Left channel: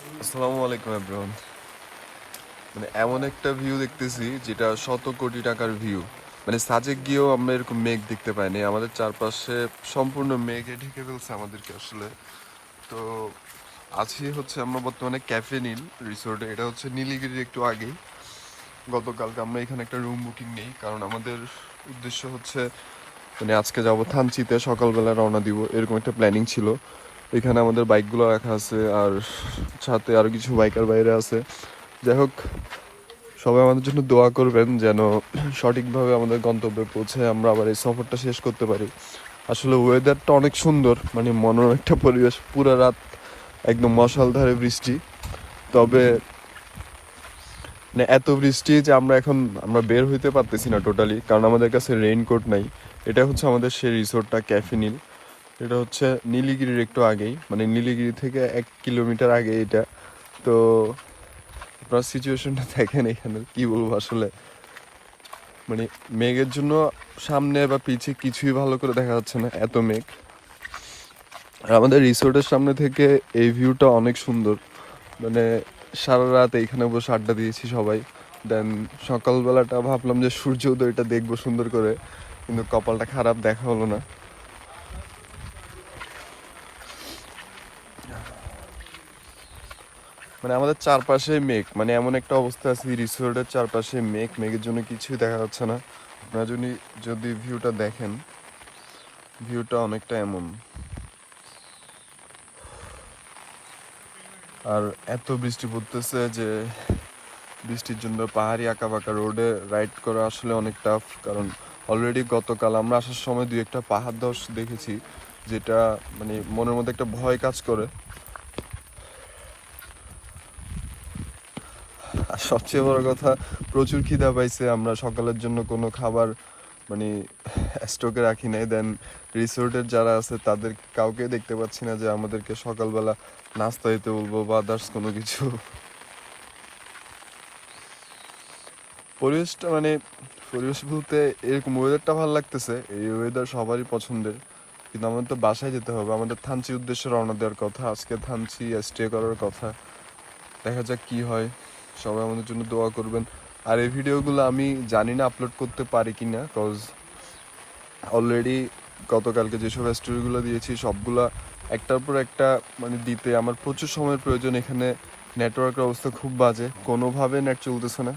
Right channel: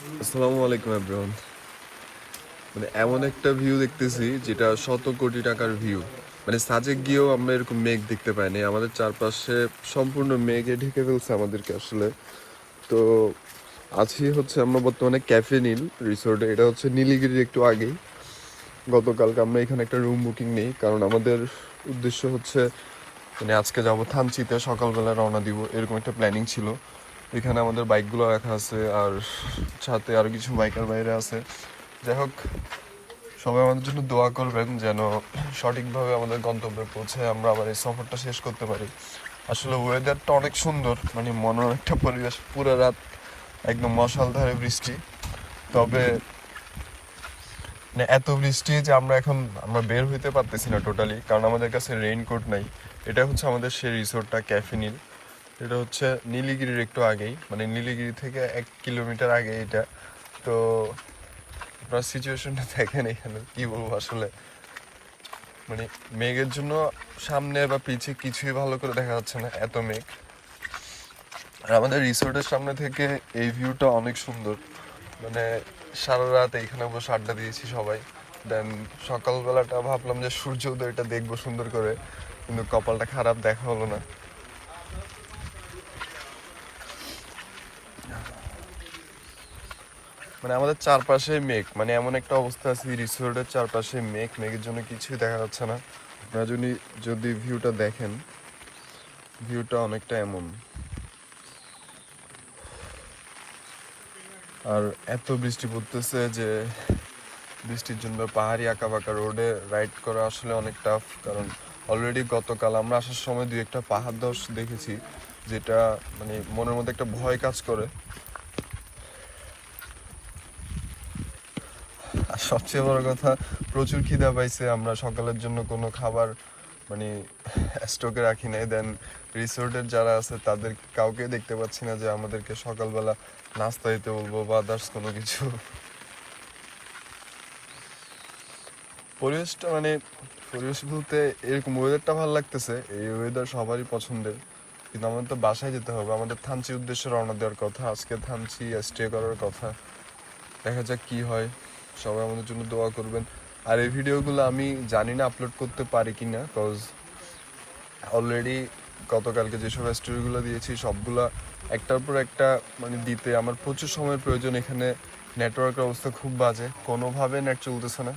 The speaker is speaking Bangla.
আসসালামু আলাইকুম মানে এমন একটা ভিউ দেখতেছি যেটা শত কোটি টাকার ভিউ মানে সাজেক গিয়েও আমরা এরকম মেঘ দেখতে পাইনি। আমাদের চারপাশে সম্পূর্ণ মেঘে ঢেকে ফেলছে আমাদেরকে আসলে। তো আছি হচ্ছে আমরা বর্তমানে ক্যাফে নীল রিসোর্টে। এটা হচ্ছে নীলগিরির একটু আগেই। গতকালকে আমরা এখানে একটা রুম বুকিং নেই, কারণ আমাদের উদ্দেশ্য হচ্ছে মানে আজকে যাব থানচিতে, সকালবেলা রওনা দিব, এরকম একটা প্ল্যানিং ছিল। এখানে আমাদের বাইকগুলো রাখা আছে, আর সাথে আরও কিছু বাইকার বাইরে আছে। যাই হোক, সবাই আমাদের জন্য দোয়া করবেন যেন সঠিকভাবে আমাদের গন্তব্যে পৌঁছে আমরা আবার এই সফরটা শেষ করতে পারি। আসলে ওয়েদারটা অনেক সুন্দর মানে মনোর একটা পরিবেশ, পুরো রাত একদম মশালধারে বৃষ্টি। তবে মানে এত বৃষ্টি যে আমরা এখন, আমরা বের হইতে পারতেছি না টোটালি কারণ আমাদের কাছে রেইনকোট নাই। এটা হচ্ছে আমাদের সেই রিসোর্টটা ক্যাফিনিল এটা হচ্ছে নীলগিরির একটু আগেই মানে নীলগিরি থেকে এক কিলোমিটার আগে এটা তো আপনার সিচুয়েশনটা দেখেন এখানে, কি বলব আসলে। মানে মেঘের জন্য সামনে বা পিছে কিছুই ভালো করে দেখা যাচ্ছে না, এত মেঘ। আর আমাদের রিসোর্টের সামনে থেকে এই ভিউটা অনেক সুন্দর। মানে সারা রাত এইখানে বসে আড্ডা দিয়েছি সবাই। দেন সকালবেলাটা ভাবলাম যে সূর্য উদয়টা দেখব সুন্দর করে। কিন্তু কপালটা খারাপ, দেখা হলো না। মানে আমাদের চারপাশে মেঘ। মানে এমন একটা অবস্থা আছে রিসোর্টের চারপাশে মেঘ। মেঘের জন্য কিছুই দেখা যাচ্ছে না। আপনারা যদি যদি ভিউটা দেখেন ভিউটা অনেকটা এমন। আর এত বৃষ্টি পড়তেছে যে, বৃষ্টির জন্য পাহাড়ি আঁকা বাঁকা রোডে রাইড করা আসলে অনেক টাফ কারণ অলরেডি গতকাল আমরা আসার সময় দুই একটা পাহাড় দশ দেখেছি, যেটা মানে মনের মধ্যে একটা ভয় কাজ করে। আর সবচেয়ে বড় কথা, প্রচুর খিদা পাইছে, আমরা সকালের জন্য কোনো খাবার মানে স্টকে রাখি নাই দেন রিসোর্টের যারা আছে, তাদের কাউকে দেখতে পাচ্ছি না যে আমাদেরকে সকালবেলা নাস্তা দিতে বলব বা আদার্স কোনো কিছু। পরিবেশটা মানে পরিবেশ বলতে এরকম ওয়েদারটা ভালো লাগতেছে, এই ওয়েদার সবারই পছন্দের, কিন্তু আমাদের তো বাসায় যেতে হবে, আমাদের থানচি উদ্দেশ্যে রওনা দেওয়ার কথা, আজকে থানচি স্টে করার কথা, দেখা যাক কি হয়। সবাই আমাদের জন্য দোয়া করবেন। আর এই ভিডিওগুলো আমি জানি না আপলোড করতে পারি কি না কজ অলরেডি গতকালকে যেসব স্টোরিগুলো দিয়েছি, সবগুলা একটার পর একটা মানে দিতে আমার প্রচুর সময়ের প্রয়োজন। এখানে নেটওয়ার্কের অবস্থা খুব বাজে কোনোভাবে নেট চলতেছে না।